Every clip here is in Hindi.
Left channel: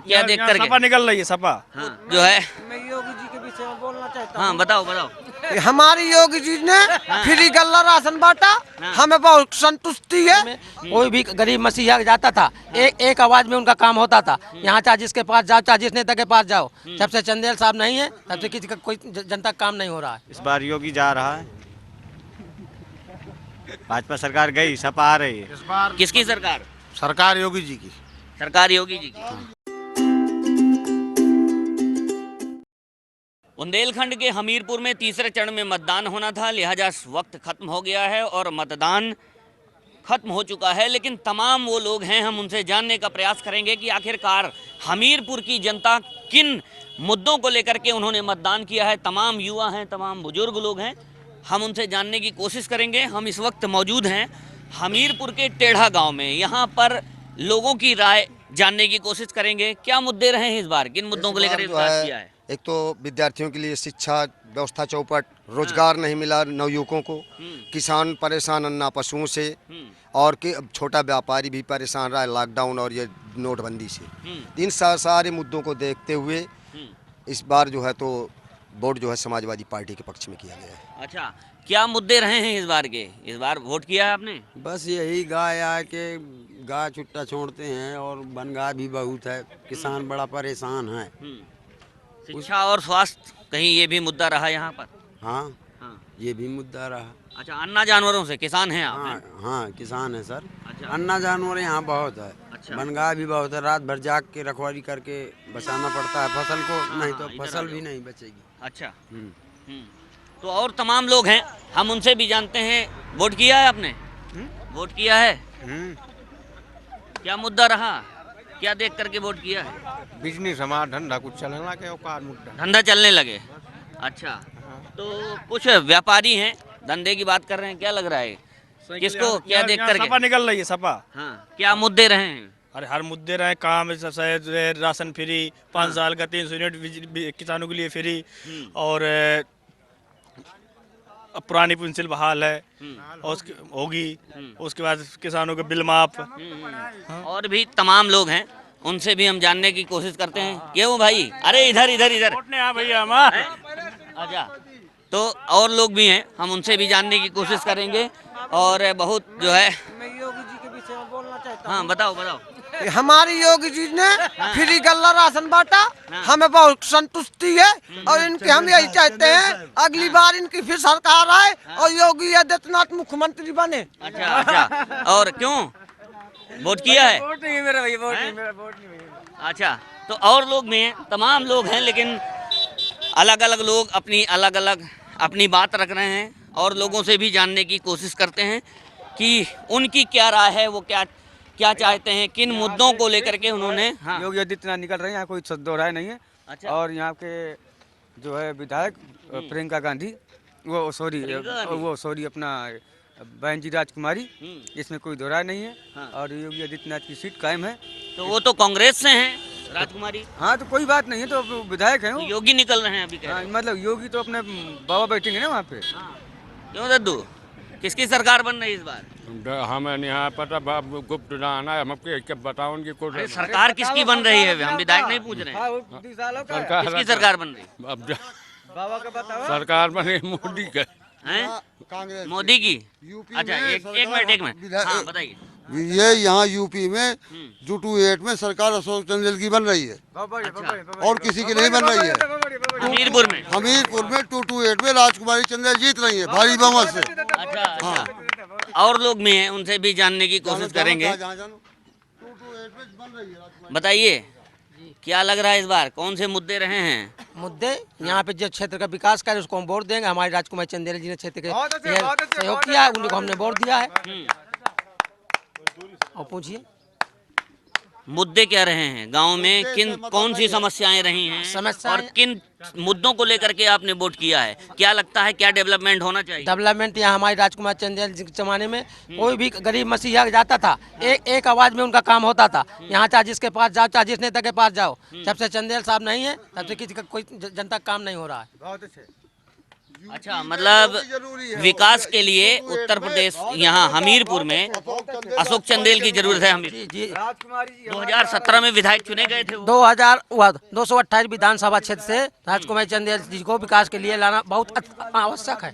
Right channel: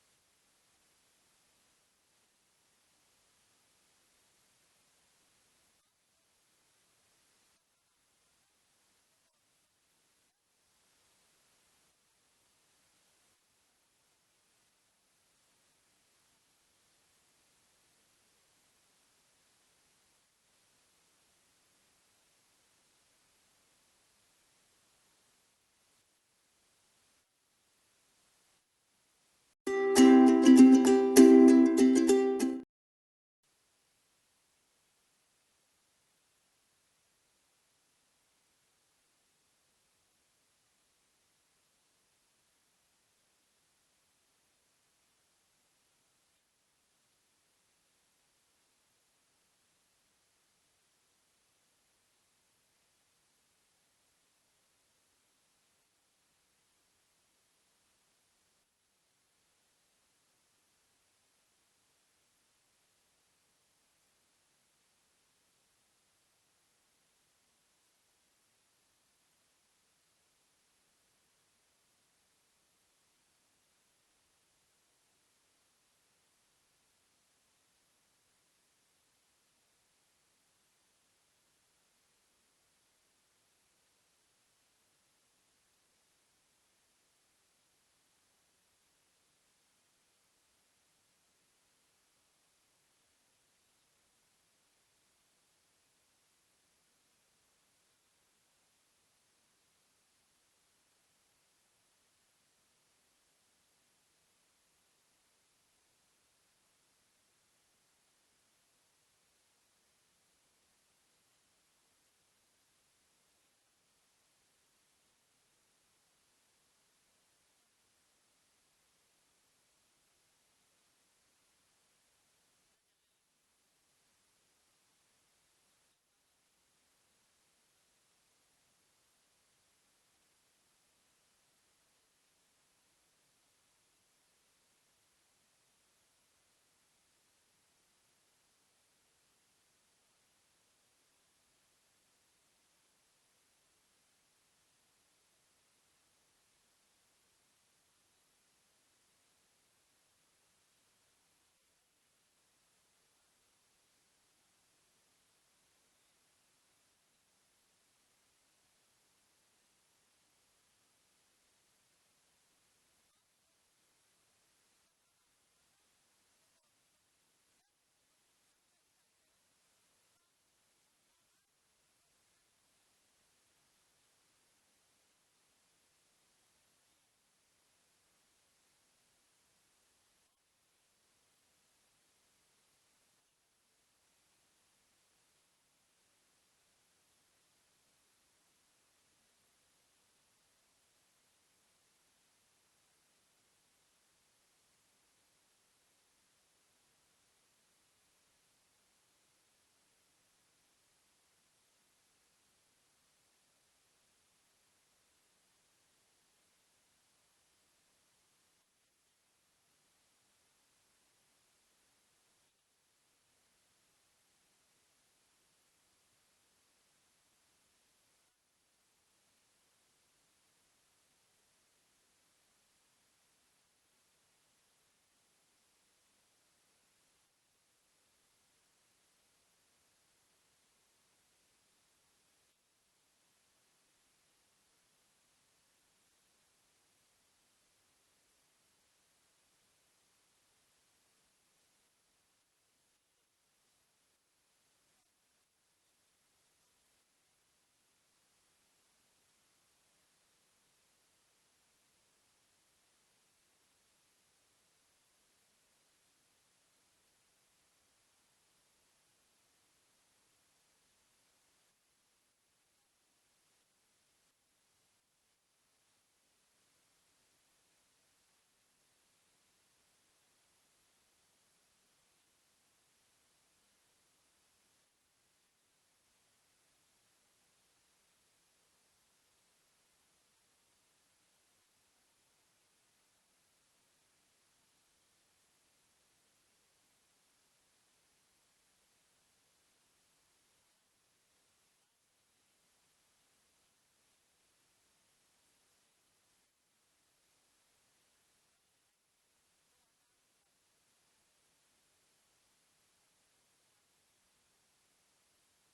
क्या देख करके सपा निकल रही है सपा। हाँ, जो है मैं योगी जी के विषय में बोलना चाहता हूँ। हाँ बताओ बताओ। हमारी योगी जी ने फ्री गल्ला राशन बांटा, हमें बहुत संतुष्टि है। कोई भी गरीब मसीहा जाता था, एक आवाज में उनका काम होता था। यहाँ चाहे जिसके पास जाओ, चाहे जिस नेता के पास जाओ, जब से चंदेल साहब नहीं है तब से किसी का कोई जनता का काम नहीं हो रहा है। इस बार योगी जा रहा है, भाजपा सरकार गई, सपा आ रही है। इस बार किसकी सरकार? सरकार योगी जी की। सरकार योगी जी की। बुंदेलखंड के हमीरपुर में तीसरे चरण में मतदान होना था, लिहाजा वक्त खत्म हो गया है और मतदान खत्म हो चुका है। लेकिन तमाम वो लोग हैं, हम उनसे जानने का प्रयास करेंगे कि आखिरकार हमीरपुर की जनता किन मुद्दों को लेकर के उन्होंने मतदान किया है। तमाम युवा हैं, तमाम बुजुर्ग लोग हैं, हम उनसे जानने की कोशिश करेंगे। हम इस वक्त मौजूद हैं हमीरपुर के टेढ़ा गांव में। यहाँ पर लोगों की राय जानने की कोशिश करेंगे। क्या मुद्दे रहे हैं इस बार, किन मुद्दों को लेकर विकास किया है? एक तो विद्यार्थियों के लिए शिक्षा व्यवस्था चौपट, रोजगार नहीं मिला नवयुवकों को, किसान परेशान अन्ना पशुओं से, और कि छोटा व्यापारी भी परेशान रहा है लॉकडाउन और ये नोटबंदी से। इन सारे मुद्दों को देखते हुए इस बार जो है तो वोट जो है समाजवादी पार्टी के पक्ष में किया गया है। अच्छा, क्या मुद्दे रहे हैं इस बार के? इस बार वोट किया है आपने? बस यही गाय आए के गाय छुट्टा छोड़ते हैं और बनगाय भी बहुत है, किसान बड़ा परेशान है। शिक्षा और स्वास्थ्य कहीं ये भी मुद्दा रहा यहाँ पर? हाँ, हाँ। ये भी मुद्दा रहा। अच्छा, अन्ना जानवरों से किसान हैं आप? हाँ हाँ, किसान है सर। अच्छा। अन्ना जानवर यहाँ बहुत है। अच्छा। बनगाय भी बहुत है, रात भर जाग के रखवाली करके बचाना पड़ता है फसल को, नहीं तो इधर आ फसल जाओ। भी नहीं बचेगी। अच्छा। तो और तमाम लोग हैं, हम उनसे भी जानते हैं। वोट किया है आपने? वोट किया है? क्या मुद्दा रहा, क्या देख करके वोट किया है? बिजनेस हमारा धंधा कुछ चलना के औकात मुद्दा। धंधा चलने लगे। अच्छा, तो कुछ व्यापारी हैं, धंधे की बात कर रहे हैं, क्या लग रहा है किसको, क्या देख करके? सपा निकल रही है सपा। हाँ, क्या मुद्दे रहे हैं? अरे हर मुद्दे रहे, काम राशन फ्री, 5 साल का 300 यूनिट किसानों के लिए फ्री, और पुरानी पेंसिल बहाल है और उसकी होगी, उसके बाद किसानों के बिल माफ। और भी तमाम लोग हैं, उनसे भी हम जानने की कोशिश करते हैं। क्यों भाई? अरे इधर इधर इधर। भैया हमारे। अच्छा, तो और लोग भी हैं, हम उनसे भी जानने की कोशिश करेंगे। और बहुत जो है, मैं योगी जी के विषय में बोलना चाहता हूँ। हाँ बताओ बताओ। हमारी योगी जी ने फ्री गल्ला राशन बांटा, हमें बहुत संतुष्टि है। और इनके हम यही चाहते हैं अगली बार इनकी फिर सरकार आए और योगी आदित्यनाथ मुख्यमंत्री बने। अच्छा अच्छा, और क्यों वोट किया है? वोट नहीं है मेरा भैया, वोट नहीं, मेरा वोट नहीं भैया। अच्छा, तो और लोग भी हैं, तमाम लोग हैं, लेकिन अलग अलग लोग अलग अलग अपनी बात रख रहे हैं। और लोगों से भी जानने की कोशिश करते हैं कि उनकी क्या राय है, वो क्या चाहते हैं, किन मुद्दों को लेकर के उन्होंने। हाँ। योगी आदित्यनाथ निकल रहे हैं, यहाँ कोई दो राय नहीं है। अच्छा। और यहाँ के जो है विधायक प्रियंका गांधी, वो सॉरी अपना बहन जी राजकुमारी, इसमें कोई दो राय नहीं है। हाँ। और योगी आदित्यनाथ की सीट कायम है। तो वो तो कांग्रेस से हैं, राजकुमारी। हाँ, तो कोई बात नहीं है, तो विधायक है वो। योगी निकल रहे हैं अभी, कह रहे हाँ, हैं। मतलब योगी तो अपने बाबा बैठेंगे ना वहाँ पे। हाँ। क्यों दद्दू, किसकी सरकार बन रही है इस बार? हमें यहाँ पता गुप्त जाना है, हम आपके बताओ उनकी कोई अरे सरकार किसकी बन रही है, हम विधायक नहीं पूछ रहे हैं। किसकी सरकार बन रही है? अब बाबा का बताओ। सरकार बने मोदी के हैं? मोदी की? अच्छा, एक मिनट हाँ बताइए। ये यहाँ यूपी में जूटू 8 में सरकार अशोक चंदेल की बन रही है, और किसी की नहीं बन रही है। हमीरपुर में? हमीरपुर में 228 में राजकुमारी चंदेल जीत रही है भारी बहुमत से। अच्छा अच्छा, और लोग भी हैं, उनसे भी जानने की कोशिश करेंगे। बताइए, क्या लग रहा है इस बार, कौन से मुद्दे रहे हैं? मुद्दे यहाँ पे जो क्षेत्र का विकास करे उसको हम वोट देंगे। हमारे राजकुमार चंदेल जी ने क्षेत्र के सहयोग किया है, उनको हमने वोट दिया है। और पूछिए मुद्दे क्या रहे हैं गांव में, कौन सी समस्याएं रही हैं और किन मुद्दों को लेकर के आपने वोट किया है? क्या लगता है क्या डेवलपमेंट होना चाहिए? डेवलपमेंट यहाँ हमारे राजकुमार चंदेल जी के जमाने में कोई भी गरीब मसीहा जाता था, एक आवाज में उनका काम होता था। यहाँ चाहे जिसके पास जाओ, चाहे जिस नेता के पास जाओ, जब से चंदेल साहब नहीं है तब से किसी का कोई जनता का काम नहीं हो रहा है। अच्छा, मतलब विकास के लिए उत्तर प्रदेश यहाँ हमीरपुर में अशोक चंदेल की जरूरत है। हमीर जी 2017 में विधायक चुने गए थे वो। 228 विधानसभा क्षेत्र से राजकुमारी चंदेल जी को विकास के लिए लाना बहुत आवश्यक है।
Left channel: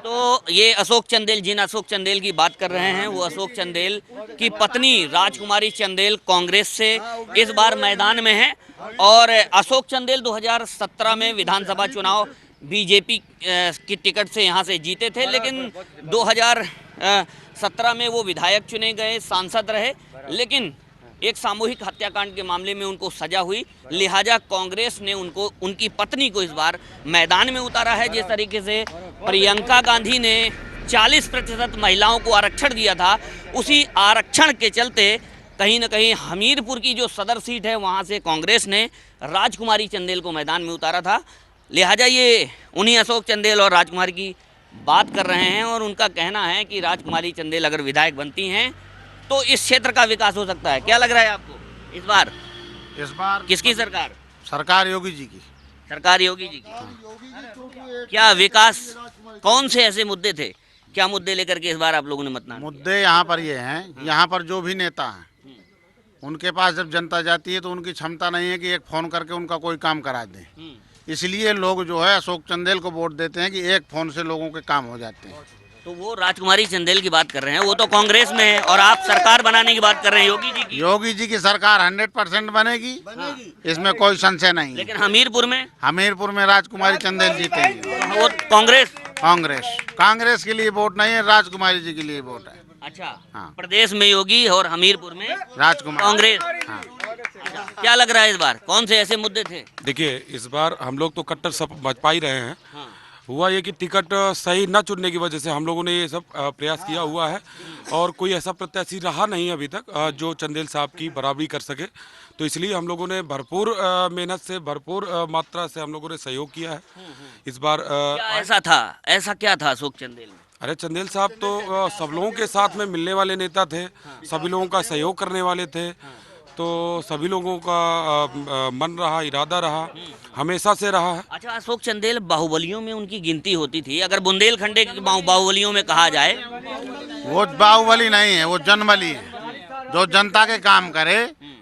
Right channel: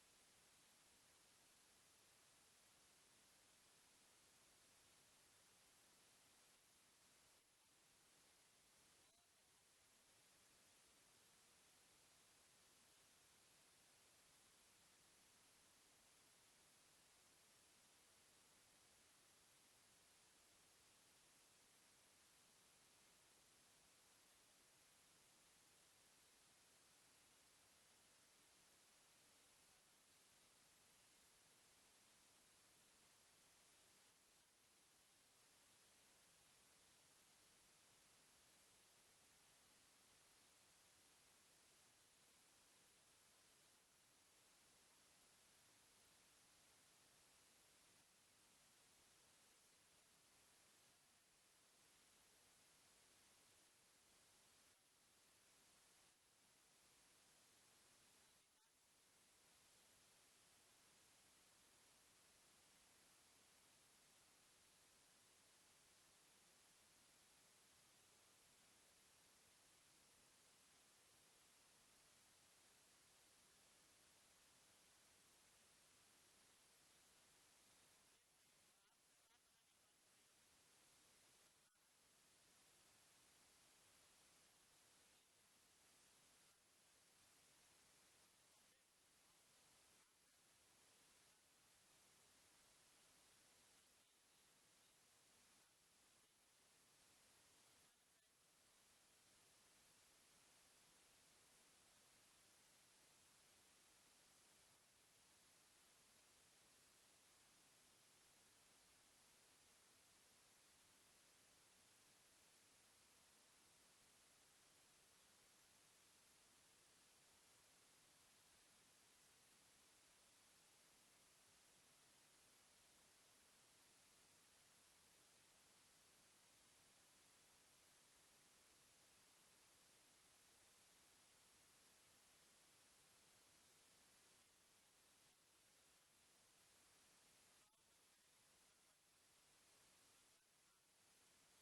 तो ये अशोक चंदेल, जिन अशोक चंदेल की बात कर रहे हैं, वो अशोक चंदेल की पत्नी राजकुमारी चंदेल कांग्रेस से इस बार मैदान में है। और अशोक चंदेल 2017 में विधानसभा चुनाव बीजेपी की टिकट से यहाँ से जीते थे, लेकिन 2017 में वो विधायक चुने गए, सांसद रहे, लेकिन एक सामूहिक हत्याकांड के मामले में उनको सजा हुई। लिहाजा कांग्रेस ने उनको, उनकी पत्नी को इस बार मैदान में उतारा है। जिस तरीके से प्रियंका गांधी ने 40% महिलाओं को आरक्षण दिया था, उसी आरक्षण के चलते कहीं न कहीं हमीरपुर की जो सदर सीट है वहाँ से कांग्रेस ने राजकुमारी चंदेल को मैदान में उतारा था। लिहाजा ये उन्हीं अशोक चंदेल और राजकुमारी की बात कर रहे हैं और उनका कहना है कि राजकुमारी चंदेल अगर विधायक बनती हैं तो इस क्षेत्र का विकास हो सकता है। क्या लग रहा है आपको इस बार? किसकी सरकार? सरकार योगी जी की। सरकार योगी जी की। क्या विकास, कौन से ऐसे मुद्दे थे, क्या मुद्दे लेकर के इस बार आप लोगों ने मतदान? मुद्दे यहाँ पर ये हैं, यहाँ पर जो भी नेता हैं उनके पास जब जनता जाती है तो उनकी क्षमता नहीं है कि एक फ़ोन करके उनका कोई काम करा दें। इसलिए लोग जो है अशोक चंदेल को वोट देते हैं कि एक फ़ोन से लोगों के काम हो जाते हैं। तो वो राजकुमारी चंदेल की बात कर रहे हैं, वो तो कांग्रेस में है, और आप सरकार बनाने की बात कर रहे हैं योगी जी की। योगी जी की सरकार 100% बनेगी, इसमें कोई संशय नहीं। लेकिन हमीरपुर में राजकुमारी चंदेल जीतेंगे। वो कांग्रेस के लिए वोट नहीं है, राजकुमारी जी के लिए वोट है। अच्छा, हाँ। प्रदेश में योगी और हमीरपुर में राजकुमारी कांग्रेस। हाँ। अच्छा, क्या लग रहा है इस बार कौन से ऐसे मुद्दे थे? देखिए, इस बार हम लोग तो कट्टर सब भाजपा ही रहे हैं। हाँ। हुआ ये कि टिकट सही न चुनने की वजह से हम लोगों ने ये सब प्रयास किया हुआ है और कोई ऐसा प्रत्याशी रहा नहीं अभी तक जो चंदेल साहब की बराबरी कर सके। तो इसलिए हम लोगों ने भरपूर मेहनत से, भरपूर मात्रा से हम लोगों ने सहयोग किया है इस बार। ऐसा क्या था अशोक चंदेल में? अरे चंदेल साहब तो सब लोगों के साथ में मिलने वाले नेता थे, सभी लोगों का सहयोग करने वाले थे। तो सभी लोगों का मन रहा, इरादा रहा, हमेशा से रहा है। अच्छा, अशोक चंदेल बाहुबलियों में उनकी गिनती होती थी, अगर बुंदेलखंड के बाहुबलियों में कहा जाए? वो बाहुबली नहीं है, वो जनबली है। जो जनता के काम करे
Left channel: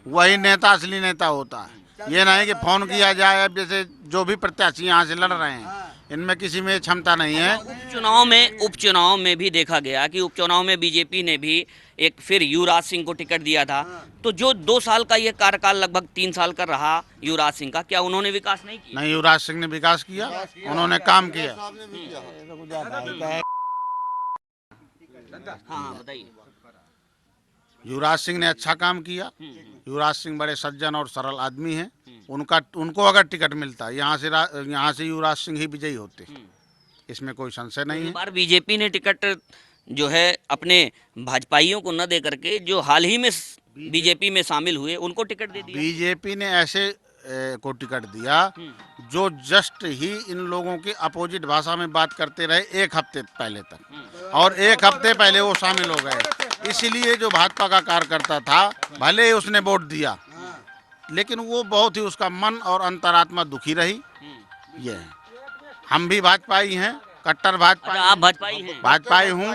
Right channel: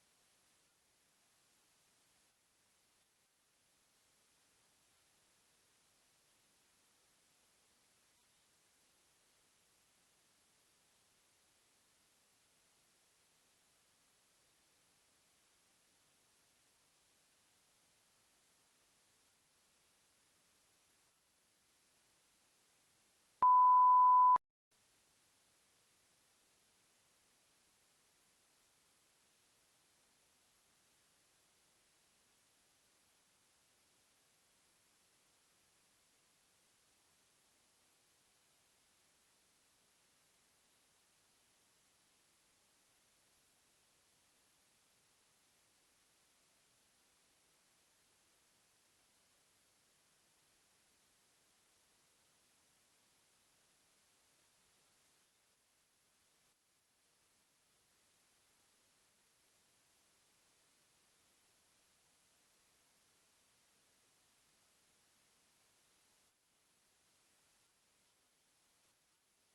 वही नेता, असली नेता होता है। ये नहीं कि फोन किया जाए। अब जैसे जो भी प्रत्याशी यहाँ से लड़ रहे हैं, इनमें किसी में क्षमता नहीं है। उपचुनाव में भी देखा गया कि उपचुनाव में बीजेपी ने भी एक फिर युवराज सिंह को टिकट दिया था। तो जो 2 साल का ये कार्यकाल, लगभग 3 साल का रहा युवराज सिंह का, क्या उन्होंने विकास नहीं किया? नहीं, युवराज सिंह ने विकास किया, उन्होंने काम किया। हाँ, बताइए। युवराज सिंह ने अच्छा काम किया। युवराज सिंह बड़े सज्जन और सरल आदमी हैं। उनको अगर टिकट मिलता यहाँ से युवराज सिंह ही विजयी होते, इसमें कोई संशय नहीं है। बार बीजेपी ने टिकट जो है अपने भाजपाइयों को न दे करके जो हाल ही में बीजेपी में शामिल हुए उनको टिकट दे दिया। बीजेपी ने ऐसे को टिकट दिया जो जस्ट ही इन लोगों के अपोजिट भाषा में बात करते रहे 1 हफ्ते पहले तक, और 1 हफ्ते पहले वो शामिल हो गए। इसलिए जो भाजपा का कार्यकर्ता था, भले ही उसने वोट दिया, लेकिन वो बहुत ही उसका मन और अंतरात्मा दुखी रही। ये है। हम भी भाजपाई हैं, कट्टर भाजपाई। आप भाजपाई हैं? भाजपाई हूँ,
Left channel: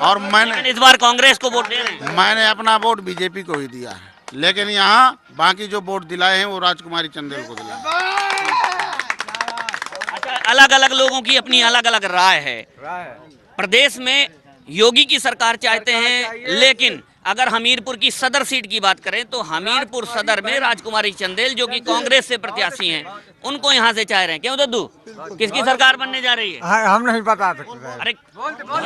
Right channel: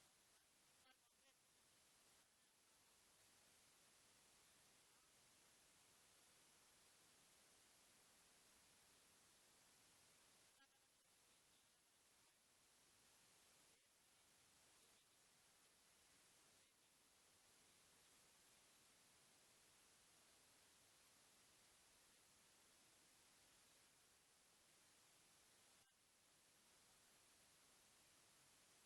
और मैंने इस बार कांग्रेस को वोट दे रहे हैं? मैंने अपना वोट बीजेपी को ही दिया है, लेकिन यहाँ बाकी जो वोट दिलाए हैं वो राजकुमारी चंदेल को दिलाए। अच्छा, अलग अलग लोगों की अपनी अलग अलग राय है। प्रदेश में योगी की सरकार चाहते हैं, लेकिन अगर हमीरपुर की सदर सीट की बात करें तो हमीरपुर सदर में राजकुमारी चंदेल, जो कि कांग्रेस से प्रत्याशी हैं, उनको यहाँ से चाह रहे हैं। क्यों दद्दू, किसकी सरकार बनने जा रही है? हम नहीं बता सकते। अरे,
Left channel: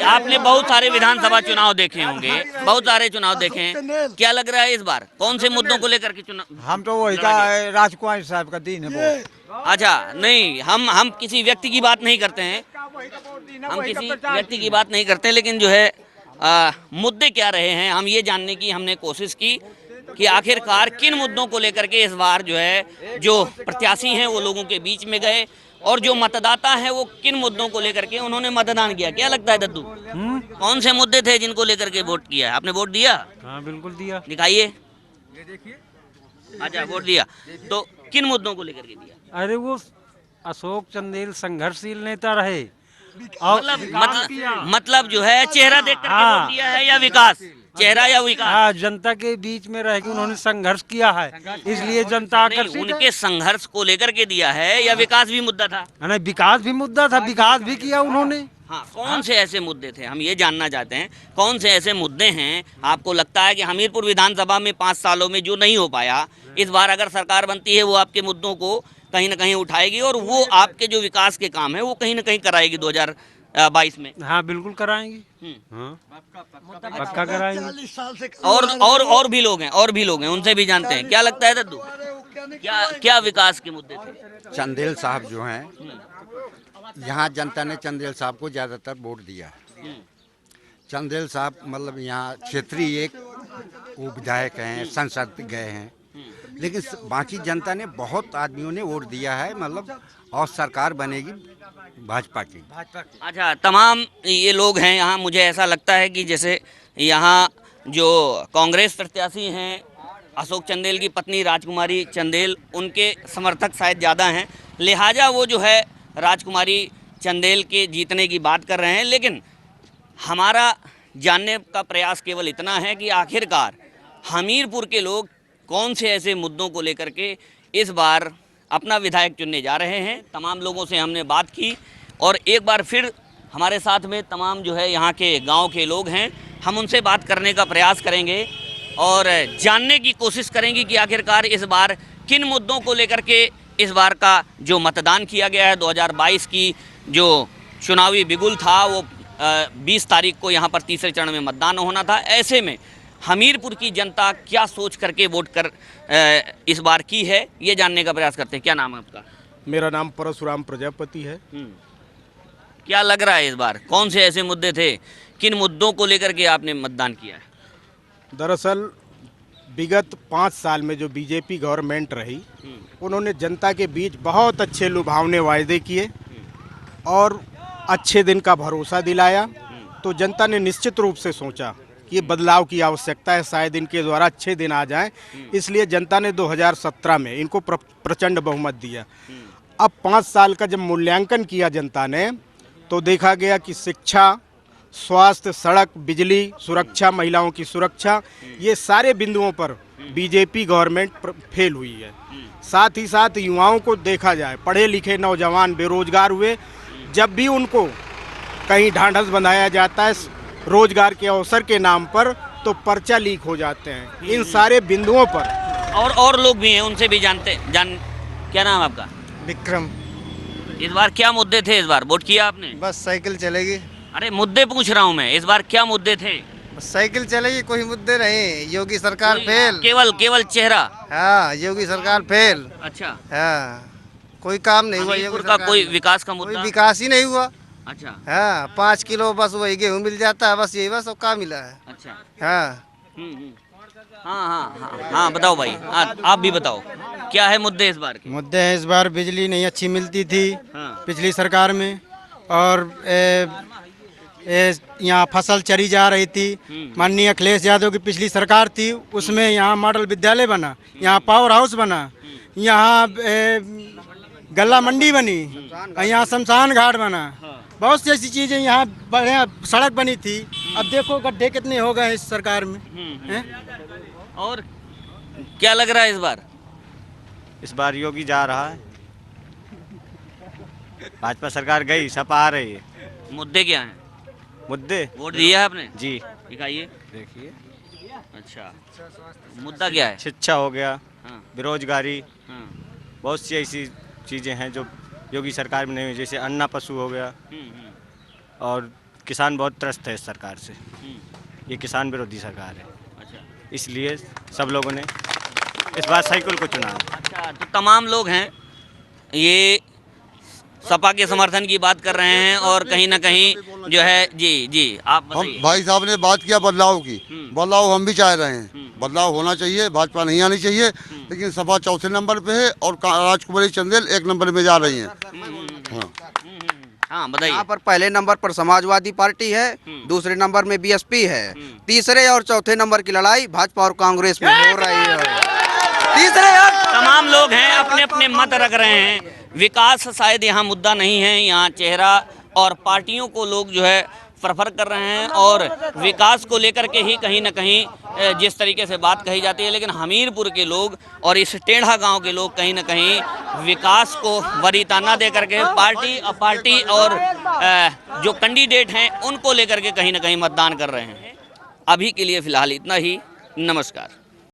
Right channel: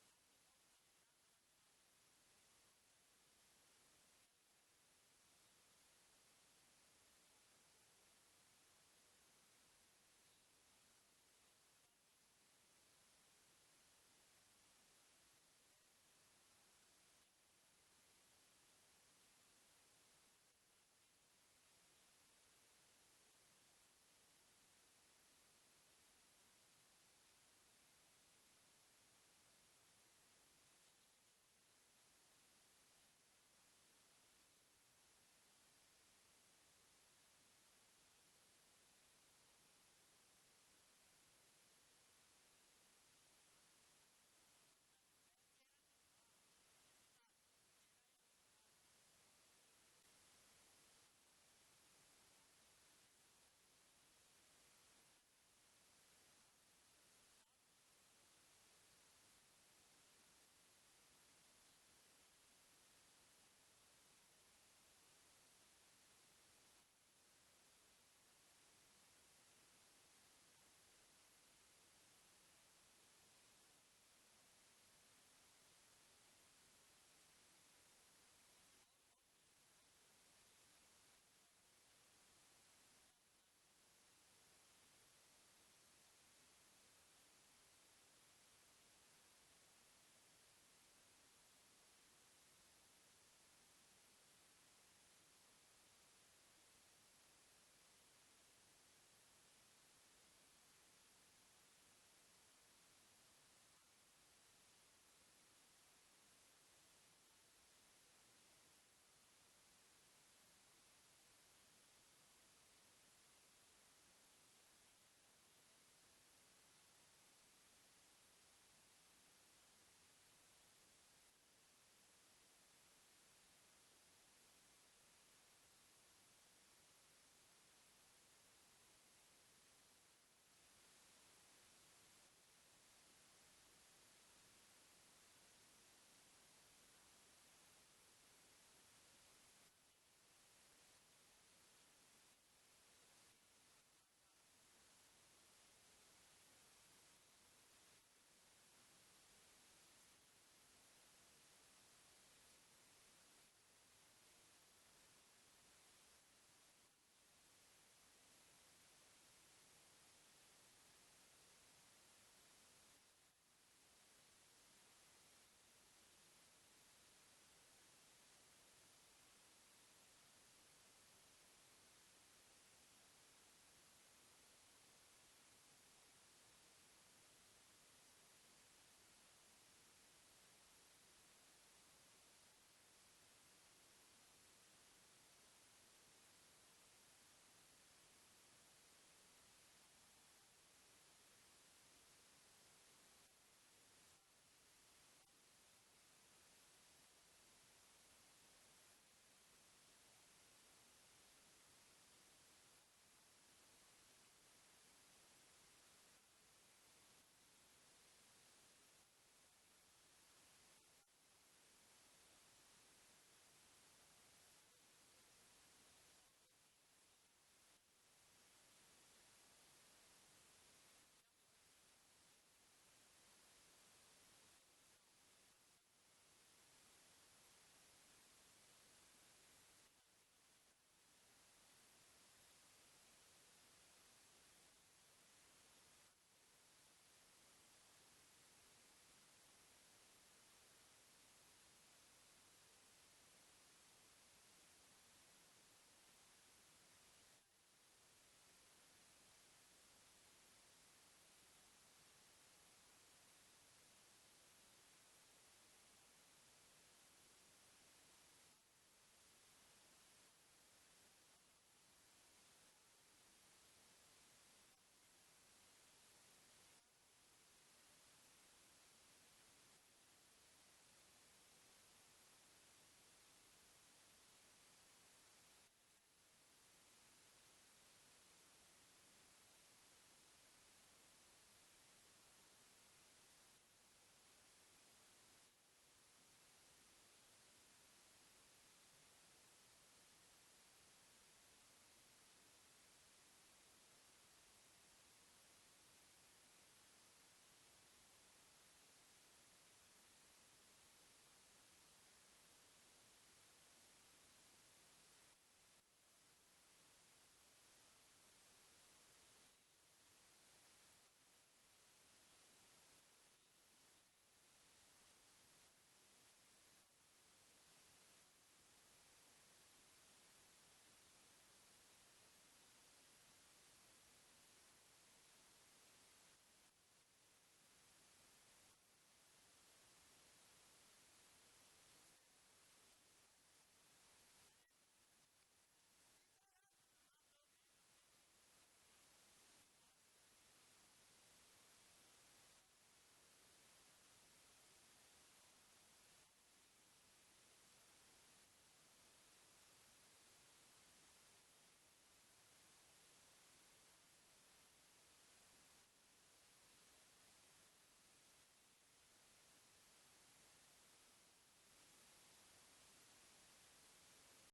आपने बहुत सारे विधानसभा चुनाव देखे होंगे, बहुत सारे चुनाव देखे हैं, क्या लग रहा है इस बार कौन से मुद्दों को लेकर के चुनाव? हम तो वही का राजकुमारी साहब का दिन है वो। अच्छा, नहीं, हम किसी व्यक्ति की बात नहीं करते हैं, हम किसी व्यक्ति की बात नहीं करते, लेकिन जो है मुद्दे क्या रहे हैं हम ये जानने की हमने कोशिश की कि आखिरकार किन मुद्दों को लेकर के इस बार जो है जो प्रत्याशी हैं वो लोगों के बीच में गए, और जो मतदाता हैं वो किन मुद्दों को लेकर के उन्होंने मतदान किया। क्या लगता है दद्दू, कौन से मुद्दे थे जिनको लेकर के वोट किया? आपने वोट दिया? हाँ, बिल्कुल दिया। दिखाइए। अच्छा, वोट दिया, तो किन मुद्दों को लेकर के दिया? अरे वो अशोक चंदेल संघर्षशील नेता रहे और मतलब जो है चेहरा देख करके वोट दिया है या विकास, चेहरा या विकास? जनता के बीच में रह के उन्होंने संघर्ष किया है, इसलिए जनता आकर्षित है। उनके संघर्ष को लेकर के दिया है या विकास भी मुद्दा था? नहीं, विकास भी मुद्दा था, विकास भी किया उन्होंने। हाँ, कौन से ऐसे मुद्दे थे, हम ये जानना चाहते हैं, कौन से ऐसे मुद्दे हैं आपको लगता है कि हमीरपुर विधानसभा में 5 सालों में जो नहीं हो पाया, इस बार अगर सरकार बनती है वो आपके मुद्दों को कहीं ना कहीं उठाएगी और वो आपके जो विकास के काम है वो कहीं ना कहीं कराएगी 2022 में? हाँ, बिल्कुल कराएंगे। हाँ, पक्का कराएंगे। और भी लोग हैं, उनसे भी जानते हैं। क्या लगता है दद्दू, क्या विकास के मुद्दे थे? चंदेल साहब जो हैं, यहाँ जनता ने चंदेल साहब को ज़्यादातर वोट दिया। चंदेल साहब मतलब यहाँ क्षेत्रीय एक वो विधायक हैं, संसद गए हैं, लेकिन बाकी जनता ने बहुत आदमियों ने वोट दिया है, मतलब और सरकार बनेगी भाजपा की। अच्छा, तमाम ये लोग हैं यहाँ, मुझे ऐसा लगता है कि जैसे यहाँ जो कांग्रेस प्रत्याशी हैं अशोक चंदेल की पत्नी राजकुमारी चंदेल, उनके समर्थक शायद ज़्यादा हैं, लिहाजा वो जो है राजकुमारी चंदेल के जीतने की बात कर रहे हैं। लेकिन हमारा जानने का प्रयास केवल इतना है कि आखिरकार हमीरपुर के लोग कौन से ऐसे मुद्दों को लेकर के इस बार अपना विधायक चुनने जा रहे हैं। तमाम लोगों से हमने बात की और एक बार फिर हमारे साथ में तमाम जो है यहाँ के गांव के लोग हैं, हम उनसे बात करने का प्रयास करेंगे और जानने की कोशिश करेंगे कि आखिरकार इस बार किन मुद्दों को लेकर के इस बार का जो मतदान किया गया है, 2022 की जो चुनावी बिगुल था वो 20 तारीख को यहाँ पर तीसरे चरण में मतदान होना था। ऐसे में हमीरपुर की जनता क्या सोच करके वोट कर इस बार की है, ये जानने का प्रयास करते हैं। क्या नाम है आपका? मेरा नाम परशुराम प्रजापति है। क्या लग रहा है इस बार कौन से ऐसे मुद्दे थे, किन मुद्दों को लेकर के आपने मतदान किया है? दरअसल विगत 5 साल में जो बीजेपी गवर्नमेंट रही, उन्होंने जनता के बीच बहुत अच्छे लुभावने वायदे किए और अच्छे दिन का भरोसा दिलाया। तो जनता ने निश्चित रूप से सोचा कि बदलाव की आवश्यकता है, शायद इनके द्वारा अच्छे दिन आ जाएं, इसलिए जनता ने 2017 में इनको प्रचंड बहुमत दिया। अब 5 साल का जब मूल्यांकन किया जनता ने, तो देखा गया कि शिक्षा, स्वास्थ्य, सड़क, बिजली, सुरक्षा, महिलाओं की सुरक्षा, ये सारे बिंदुओं पर बीजेपी गवर्नमेंट फेल हुई है। साथ ही साथ युवाओं को देखा जाए, पढ़े लिखे नौजवान बेरोजगार हुए, जब भी उनको कहीं ढांढस बंधाया जाता है रोजगार के अवसर के नाम पर, तो पर्चा लीक हो जाते हैं। इन सारे बिंदुओं पर और लोग भी हैं, उनसे भी क्या नाम है आपका? विक्रम। इस बार क्या मुद्दे थे? इस बार वोट किया आपने? बस साइकिल चलेगी। अरे मुद्दे पूछ रहा हूँ मैं, इस बार क्या मुद्दे थे? साइकिल चलेगी, कोई मुद्दे नहीं। योगी सरकार फेल। केवल चेहरा? हाँ, योगी सरकार फेल। अच्छा, हाँ, कोई काम नहीं हुआ। हमीरपुर का कोई विकास का मुद्दा? कोई विकास ही नहीं हुआ। अच्छा, हाँ, 5 किलो बस वही गेहूँ मिल जाता है, बस यही बस और काम मिला है। अच्छा, हाँ। हाँ, बताओ भाई, आप भी बताओ क्या है मुद्दे इस बार के? मुद्दे हैं, इस बार बिजली नहीं अच्छी मिलती थी पिछली सरकार में, और यहाँ फसल चरी जा रही थी। माननीय अखिलेश यादव की पिछली सरकार थी, उसमें यहाँ मॉडल विद्यालय बना, यहाँ पावर हाउस बना, यहाँ गल्ला मंडी बनी, यहाँ शमशान घाट बना, बहुत सी ऐसी चीजें यहाँ बढ़िया सड़क बनी थी। अब देखो गड्ढे कितने हो गए इस सरकार में। और क्या लग रहा है इस बार? इस बार योगी जा रहा है, भाजपा सरकार गई, सपा आ रही है। मुद्दे क्या हैं? मुद्दे वोट दिया है आपने? जी, दिखाइए। देखिए। अच्छा, मुद्दा क्या है? शिक्षा हो गया, हाँ, बेरोजगारी, हाँ, बहुत सी ऐसी चीज़ें हैं जो योगी सरकार में नहीं हुई, जैसे अन्ना पशु हो गया। और किसान बहुत त्रस्त है इस सरकार से, ये किसान विरोधी सरकार है। अच्छा, इसलिए सब लोगों ने इस बार साइकिल को चुना। अच्छा, तो तमाम लोग हैं ये सपा के समर्थन की बात कर रहे हैं और कहीं ना कहीं जो है जी आप बताइए। भाई साहब ने बात किया बदलाव की, बदलाव हम भी चाह रहे हैं, बदलाव होना चाहिए, भाजपा नहीं आनी चाहिए, लेकिन सपा चौथे नंबर पे है और राजकुमारी चंदेल 1 नंबर में जा रही हैं। हाँ, बताइए। यहाँ पर पहले नंबर पर समाजवादी पार्टी है, दूसरे नंबर में बीएसपी है, तीसरे और चौथे नंबर की लड़ाई भाजपा और कांग्रेस में हो रही है। तीसरे तमाम लोग हैं, अपने अपने मत रख रहे हैं। विकास शायद यहाँ मुद्दा नहीं है, यहाँ चेहरा और पार्टियों को लोग जो है प्रेफर कर रहे हैं और विकास को लेकर के ही कहीं ना कहीं जिस तरीके से बात कही जाती है। लेकिन हमीरपुर के लोग और इस टेढ़ा गांव के लोग कहीं ना कहीं विकास को वरीताना दे करके पार्टी और जो कैंडिडेट हैं उनको लेकर के कहीं ना कहीं मतदान कर रहे हैं। अभी के लिए फ़िलहाल इतना ही। नमस्कार।